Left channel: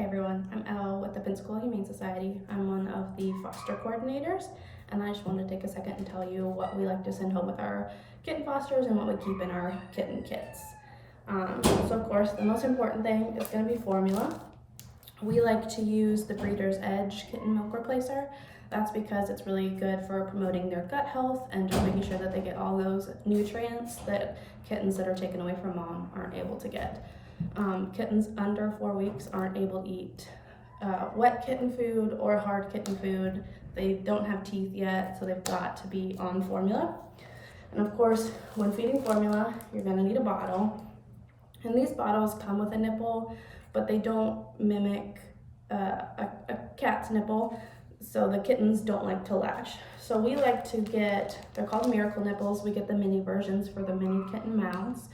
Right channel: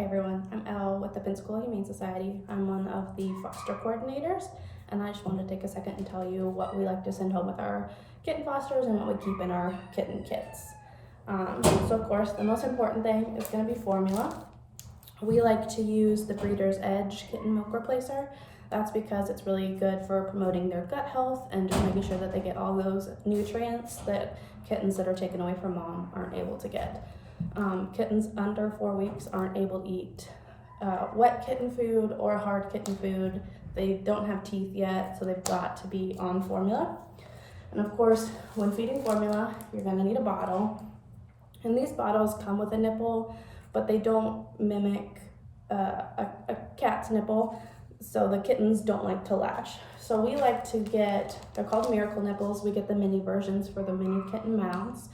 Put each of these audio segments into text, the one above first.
Hey everyone, I'm Elle with the Pensacola Humane Society. I'm one of the foster coordinators, and I just wanted to take a second and tell you what we like to send home with our kitten fosters and what we keep in our kitten kits. So of course, the most important thing is going to be formula. We like to use the Breeder's Edge kitten milk replacer. That's because it's really good for promoting their gut health and just making sure that they get all those nutrients that kittens that are taken away from mom aren't able to get. Kittens under 4 weeks aren't able to eat wet kitten food or hard kitten food. They don't have teeth yet, so they've got to be on formula. And of course, when feeding formula, you're gonna need a bottle. And these bottles come with a nipple, but they don't mimic a cat's nipple, so the kittens don't like to latch. So we like to get, they're called miracle nipples. We get the mini versions for the mini kitten mouths,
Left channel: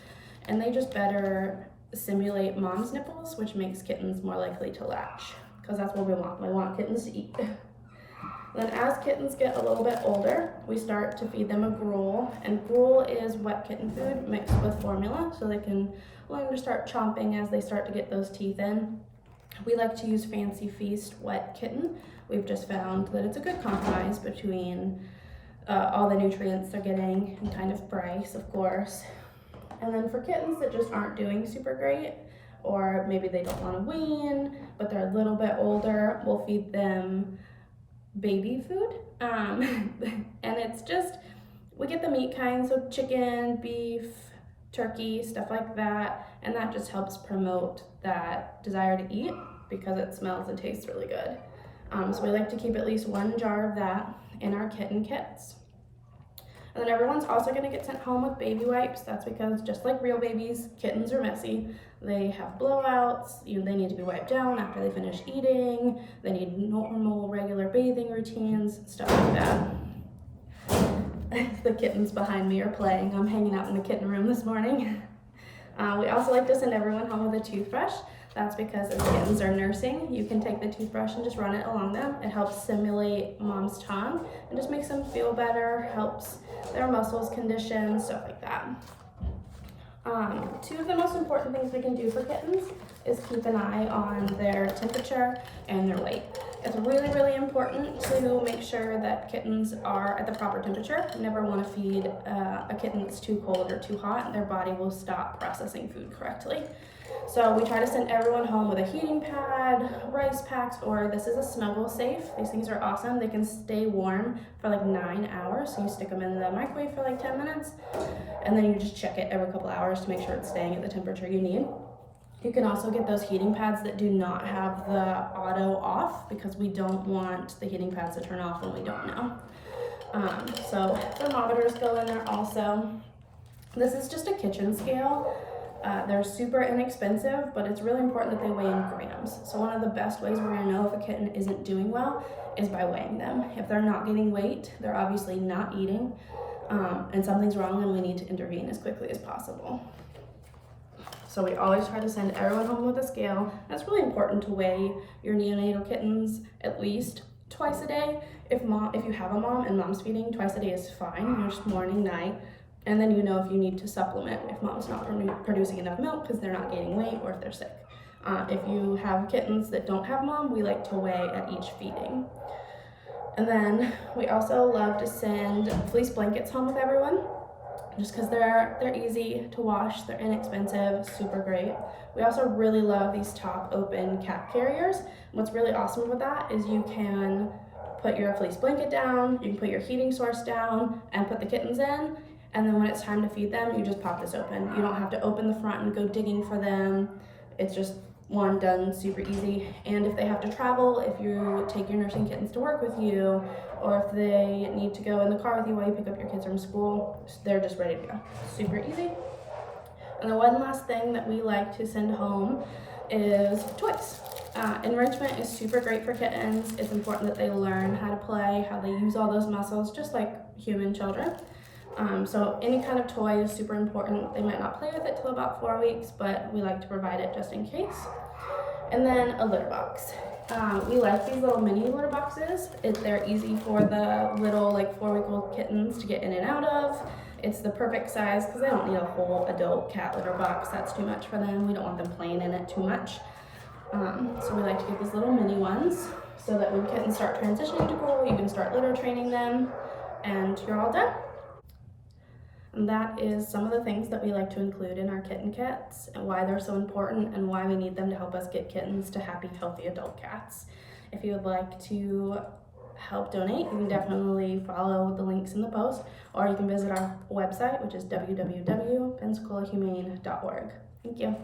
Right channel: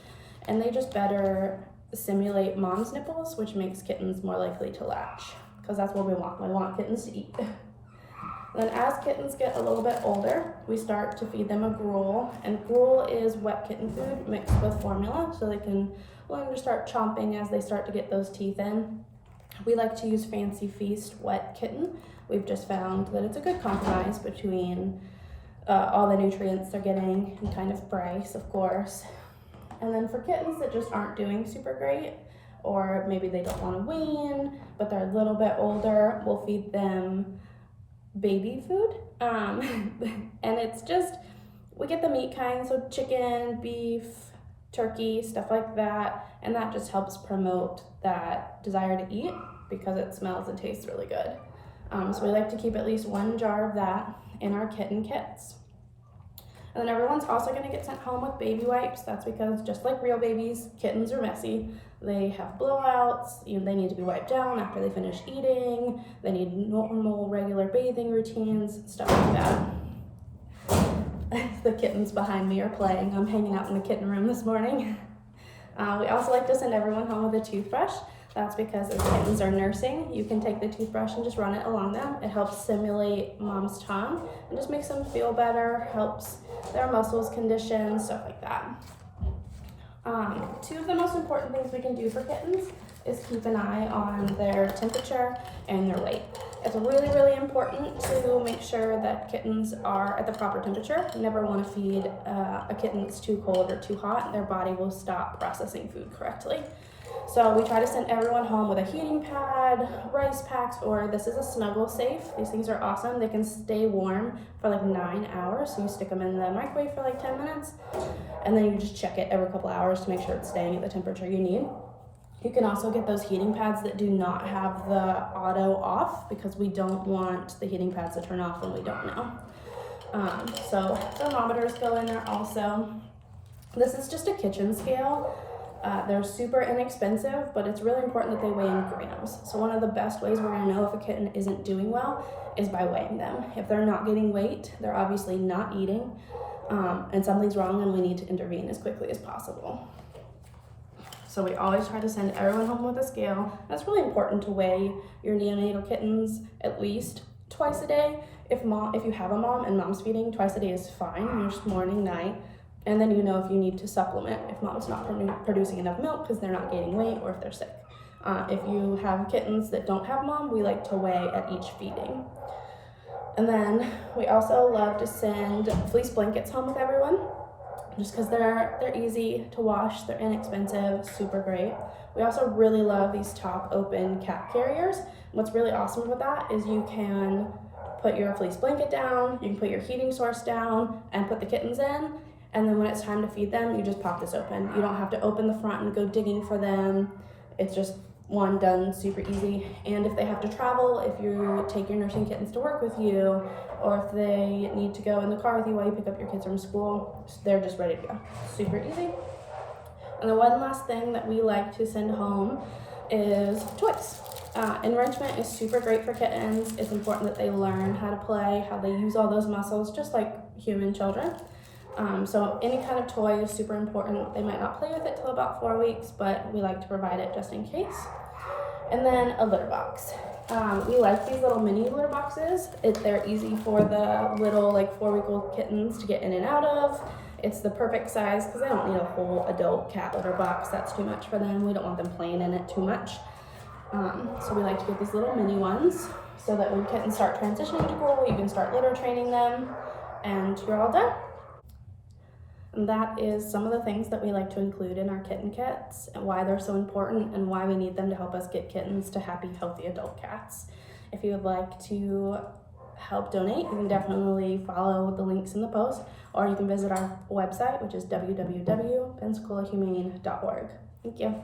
and they just better simulate mom's nipples, which makes kittens more likely to latch, because that's what we want. We want kittens to eat. Then as kittens get a little bit older, we start to feed them a gruel, and gruel is wet kitten food mixed with formula, so they can learn to start chomping as they start to get those teeth in. We like to use Fancy Feast wet kitten. We've just found that it's a good compromise between all the nutrients they're getting and kind of price, of course. And then for kittens that just aren't doing super great, or maybe they don't want to wean, but they're a little bit older, we'll feed them baby food. And it's just, we get the meat kind, so chicken, beef, turkey, stuff like that, and that just helps promote that desire to eat because it smells and tastes really good. So we like to keep at least 1 jar of that in our kitten kits. And then everyone's also going to get sent home with baby wipes. That's because just like real babies, kittens are messy. They have blowouts, they need to be wiped down after they finish eating. They need normal, regular bathing routines, stuff like that. The kittens behind me are playing. I'm hanging out in the kitten room this morning. We also like to send everyone home with a toothbrush. That's because as kittens are nursing, you can take the toothbrush and just run it along them. It helps simulate mom's tongue and just makes them feel better, helps their muscles condition, stuff like that. 2 of the most important things we can do for kittens is keep an eye on their temperature and their weight. It's really, really important to make sure that kittens are at the proper temperature. You never want to feed a kitten that's too cold or too hot. Their body will stop processing food correctly. So we try to send everyone home with a heating pad, rice packs, or this is a Snuggle Safe. These things are awesome. They can stay warm for like 9 hours. So you stick them in the microwave for like 10 minutes, and then you just check it every couple hours to make sure it's staying at the temperature you need. You can also get those heating pads that do not have the auto off, because we don't want the heating pads to turn off when we don't know. So thermometers go in there also. This is just a kitchen scale. They're super inexpensive, but it's really important that they weigh in grams. So one of the best ways we're gonna know if a kitten isn't doing well is by weighing them. If they're not getting weight, they're obviously not eating, and something's wrong and we need to intervene as quickly as possible. So we always try to send everyone home with a scale. That's really important to weigh your neonatal kittens at least twice a day. If you have a mom and mom's feeding, twice a day is fine, just morning, night. And then you know if you need to supplement if mom's not producing enough milk because they're not gaining weight or if they're sick. If you have kittens that don't have mom, we like to weigh at each feeding. And then we also love to send fleece blankets home with everyone, just because they're easy to wash, they're inexpensive, super great. We also really love these top open cat carriers. What's really awesome with that is you can put your fleece blanket down, you can put your heating source down and put the kittens in. And then when it's time to feed them, you just pop this open. You don't have to open the front and go digging for them. It's just one done super easy. And if they have to travel, if you take your nursing kittens to work with you, or if they need to go in the car with you while you pick up your kids from school, they're just ready to go. Super easy. And the one last thing that we like to send home is toys. Enrichment is super great for kittens. It's important that they learn how to play, how they use all those muscles, just like human children. So any kind of toy is super important. They might not play with it till about 4 weeks, but we like to provide it just in case. And then a litter box. We like these little mini litter boxes. They're easy for the little 4-week-old kittens to get in and out of. It's the perfect size because they don't need a whole adult cat litter box. That's too much for them. We don't want them playing in it too much. So we like to get these little mini ones so that when kittens start transitioning to grow, you can start litter training them and you're all done. And that is some of the things that we like to include in our kitten kits and why they're so important and why we need them to help us get kittens to happy, healthy adult cats. If you would like to help donate, you can definitely follow the links in the post, or you can visit our website, which is www.pensacolahumane.org. Thank you.